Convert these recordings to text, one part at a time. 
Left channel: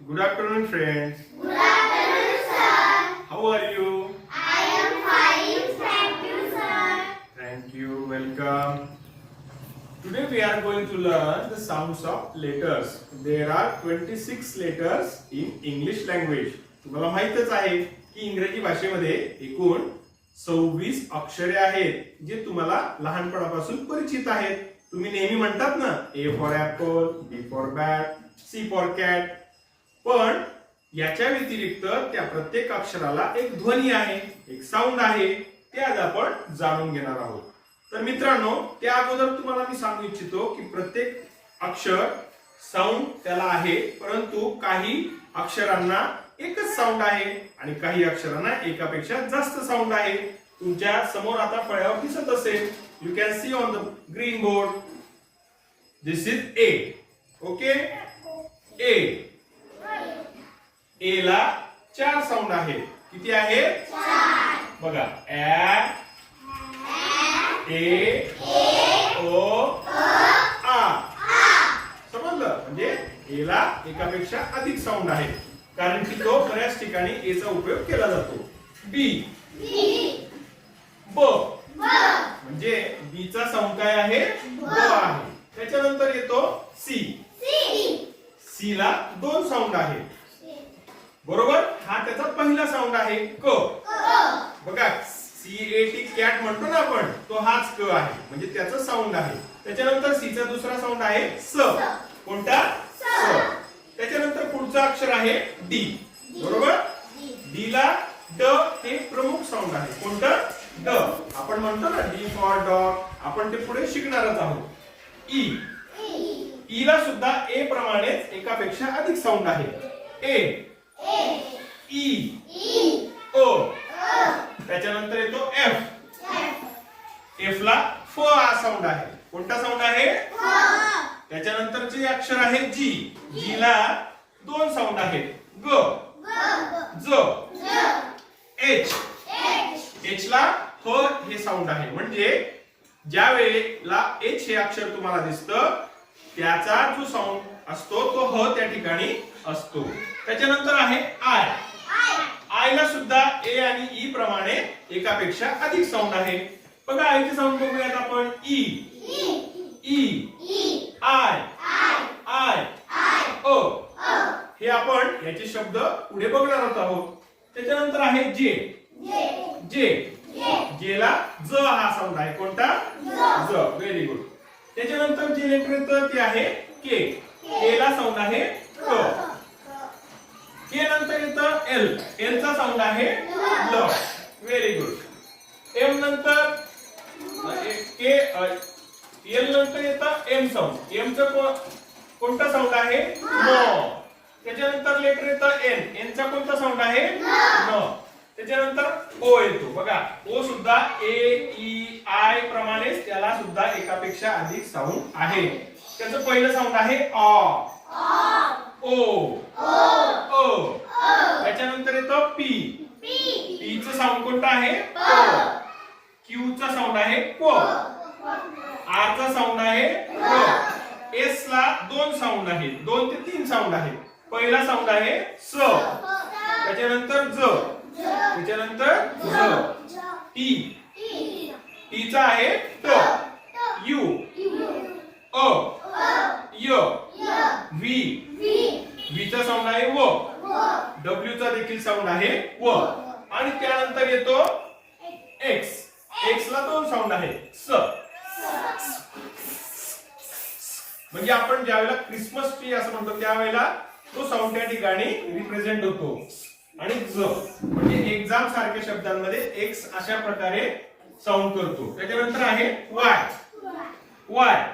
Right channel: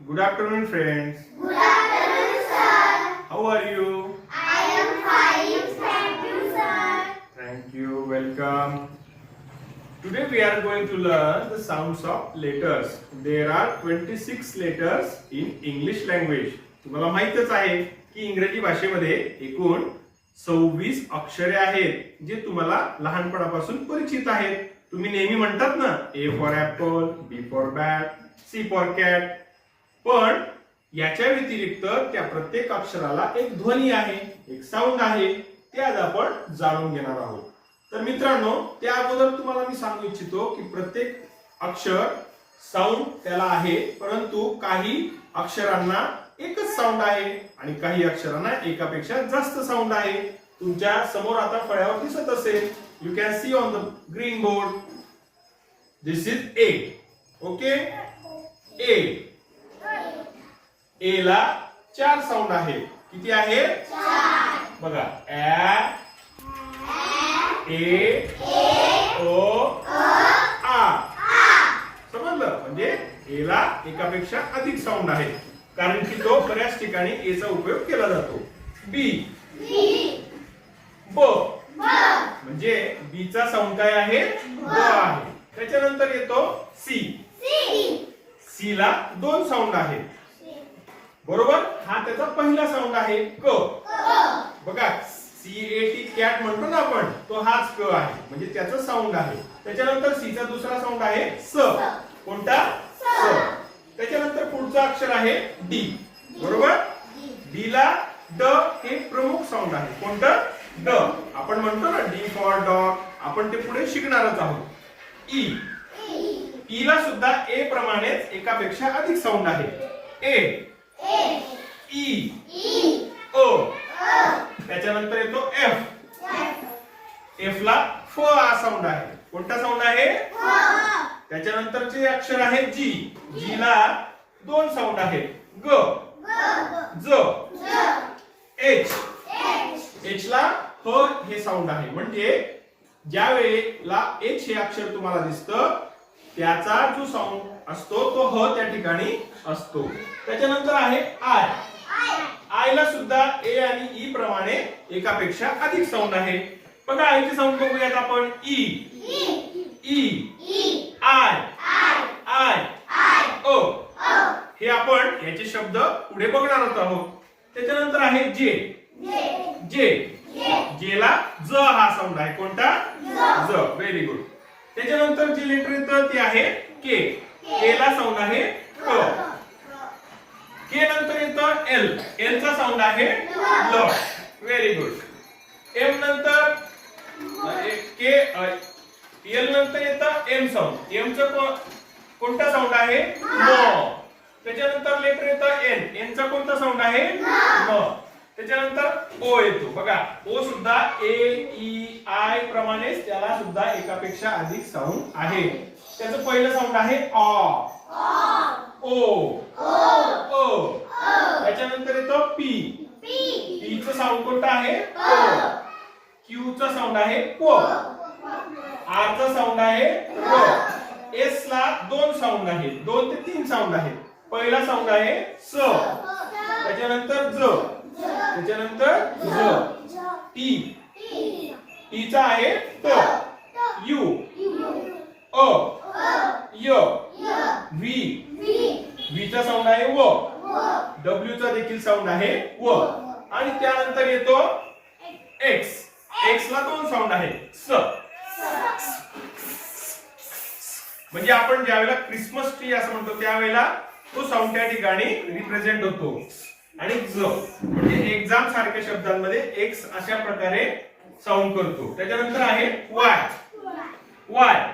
Good afternoon, friends. Good afternoon, sir. How are you? I am fine. Thank you, sir. Thank you. Welcome. Today we are going to learn the sounds of letters. There are 26 letters in English language. तुम्हाला माहितच आहे की इंग्रजी भाषेमध्ये एकूण 26 अक्षरे आहेत जे तुम्हाला लहानपणापासून परिचित आहेत. तुम्ही नेहमी म्हणतात ना, A for apple, B for bat, C for cat. पण याच्या व्यतिरिक्त त्या प्रत्येक अक्षराला एक ध्वनी आहे, एक साऊंड आहे. ते आज आपण जाणून घेणार आहोत. तर मित्रांनो, त्या अगोदर तुम्हाला मी सांगू इच्छितो की प्रत्येक अक्षर साऊंड त्याला आहे, परंतु काही अक्षरांना एकच साऊंड आहे आणि काही अक्षरांना एकापेक्षा जास्त साऊंड आहे. तुमच्या समोर आता फळ्यावर दिसत असेल. You can see on the green board. This is A. Okay, A. A ला 4 साऊंड आहे. किती आहे? 4. बघा, ए, ओ, आ. समजलं? म्हणजे ए ला एकापेक्षा अधिक साऊंड आहे, कारण की तो बऱ्याच ठिकाणी ए चा उपयोग केला जातो. बी, ब. म्हणजे बी चा साऊंड काय आहे? ब आहे. त्याच्यानंतर येतो सी. सी ला 2 साऊंड आहे. बरोबर, हा त्याचा पहिला साऊंड आहे. क. बघा, CAT कॅट म्हणतो ना आपण, तो हाच क आहे, म्हणजे त्याचा साऊंड आहे. त्याच्यानंतर सी चा दुसरा साऊंड आहे स. कोणता? स. त्याच्यानंतर पुढचा अक्षर आहे डी. बरोबर, डी ला ड हे प्रमुख साऊंड आहे. कोणतं? ड. आपण म्हणतो ना डी फॉर डॉग. आपण ते पुढे शिकणारच आहोत. ई. ई ला सुद्धा ए प्रमाणेच एकापेक्षा अधिक साऊंड आहे. ए, ई, ओ. त्याच्यानंतर येतो एफ. एफ ला फ हा साऊंड आहे. कोणता साऊंड आहे? त्याच्यानंतरचे अक्षर आहे जी. जी ला 2 साऊंड आहेत. ग, ज, एच. एच ला ह हे साऊंड आहे. म्हणजे ज्या वेळेला एच हे अक्षर तुम्हाला दिसतं, त्याचा जो साऊंड असतो तो ह त्या ठिकाणी असतो. त्याच्यानंतर आहे आय. आय ला सुद्धा ए आणि ई प्रमाणे एकापेक्षा अधिक साऊंड आहे. बघा, आयचे साऊंड बघूयात आपण. ई, ई, आय, आय, ओ. हे आपण याचे शब्द पुढे बघणार आहोत. त्याच्यानंतर आहे जे. जे, जे ला ज हा साऊंड आहे. कोणता? ज. Very good. त्याच्यानंतर जे लेटर येतं ते आहे के. के ला साऊंड आहे क. के नंतर येतं एल. एल चा साऊंड आहे ल. Very good. एम नंतर के. एल नंतर येतं एम साऊंड. एम चा कोणता साऊंड आहे? म. त्याच्यानंतर लेटर येतं एन. एन चा कोणता साऊंड आहे? न. त्याच्यानंतर ओ येतो. बघा, ओ सुद्धा ए, ई, आय प्रमाणेच त्याला सुद्धा एकापेक्षा अधिक साऊंड आहे. त्याचं पहिलं साऊंड आहे आ. ओ, ओ. त्याच्यानंतर येतो पी. पी चं साऊंड कोणतं आहे? प. क्यू चा साऊंड आहे प. आर चा साऊंड आहे प. एस ला 2 साऊंड आहेत. 2 ते 3 साऊंड आहेत. पहिला साऊंड आहे स. त्याच्यानंतर ज. त्याच्यानंतर ज. टी. टी चा आहे ट. यू, अ, य. व्ही. व्ही चा साऊंड आहे व. डब्ल्यू चा देखील साऊंड आहे व. आणि त्यानंतर येतो एक्स. एक्स ला 2 साऊंड आहेत. स. म्हणजे आपण ज्यावेळेला क्रिसमस ट्री असं म्हणतो त्यावेळेला तो साऊंड त्या ठिकाणी रिप्रेझेंट होतो. आणि ज म्हणजे एक्झाम सारख्या शब्दांमध्ये एक्स अशा प्रकारे साऊंड करतो. त्याच्यानंतर आहे वाय. वाय.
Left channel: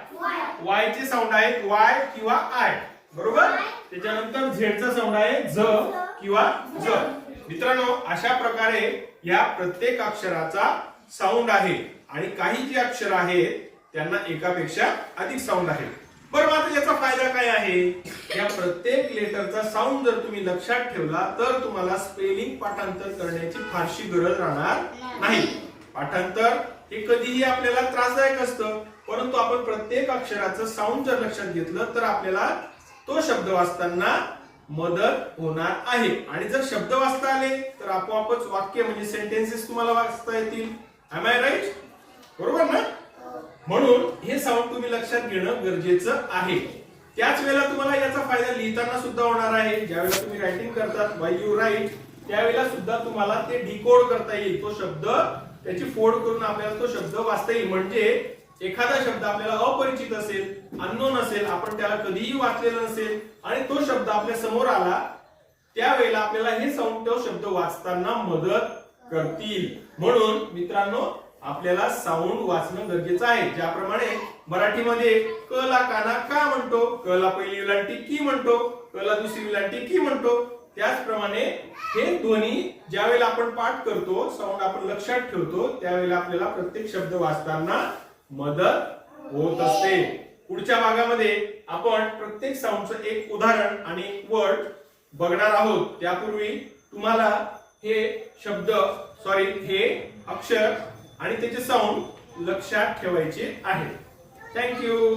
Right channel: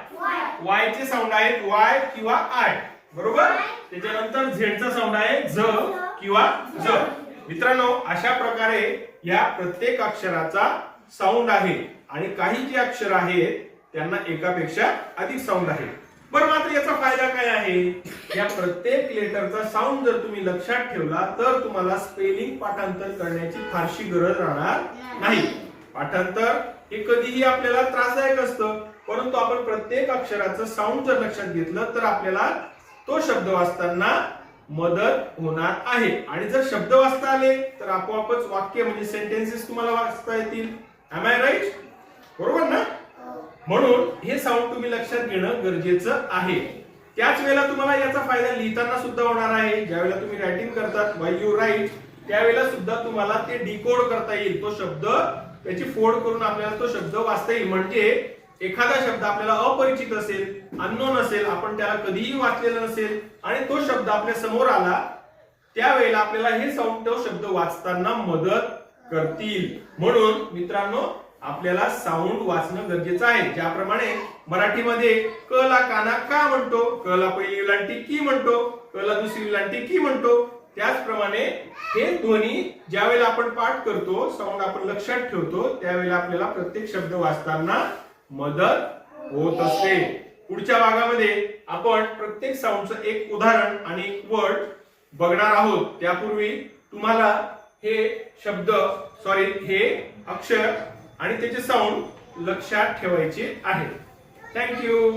वाय चे साऊंड आहेत वाय किंवा आय. बरोबर. त्याच्यानंतर झेड चा साऊंड आहे झ किंवा ज. मित्रांनो, अशा प्रकारे या प्रत्येक अक्षराचा साऊंड आहे आणि काही जी अक्षर आहेत त्यांना एकापेक्षा अधिक साऊंड आहे. बरं, आता याचा फायदा काय आहे? या प्रत्येक लेटरचा साऊंड जर तुम्ही लक्षात ठेवला तर तुम्हाला स्पेलिंग पाठांतर करण्याची फारशी गरज राहणार नाही. पाठांतर हे कधीही आपल्याला त्रासदायक असतं, परंतु आपण प्रत्येक अक्षराचं साऊंड जर लक्षात घेतलं तर आपल्याला तो शब्द वाचताना मदत होणार आहे. आणि जर शब्द वाचता आले तर आपोआपच वाक्य म्हणजे सेंटेन्सेस तुम्हाला वाचता येतील. Am I right? बरोबर ना? म्हणून हे साऊंड तुम्ही लक्षात घेणं गरजेचं आहे. त्याच वेळेला तुम्हाला याचा फायदा लिहिताना सुद्धा होणार आहे. ज्यावेळेला तुम्ही रायटिंग करतात व्हाईल यू राईट त्यावेळेला सुद्धा तुम्हाला ते डिकोड करता येईल. तो शब्द त्याची फोड करून आपल्याला तो शब्द वाचता येईल. म्हणजे एखादा शब्द आपल्याला अपरिचित असेल, अननोन असेल, आपण त्याला कधीही वाचलेला नसेल आणि तो शब्द आपल्या समोर आला त्यावेळेला आपल्याला हे साऊंड तो शब्द वाचताना मदत करतील. म्हणून मित्रांनो आपल्याला साऊंड वाचणं गरजेचं आहे. ज्याप्रमाणे मराठीमध्ये क ला काना का म्हणतो, क ला पहिली वेलांटी की म्हणतो, क ला दुसरी वेलांटी की म्हणतो, त्याचप्रमाणे हे ध्वनी ज्यावेळेला आपण पाठ करतो, साऊंड आपण लक्षात ठेवतो, त्यावेळेला आपल्याला प्रत्येक शब्द वाचताना मदत होत असते. पुढच्या भागामध्ये आपण प्रत्येक साऊंडचं एक उदाहरण आणि एक वर्ड बघणार आहोत. त्यापूर्वी तुम्हाला हे शब्द हे अक्षर आणि त्याचे साऊंड लक्षात ठेवायचे आहे. थँक्यू.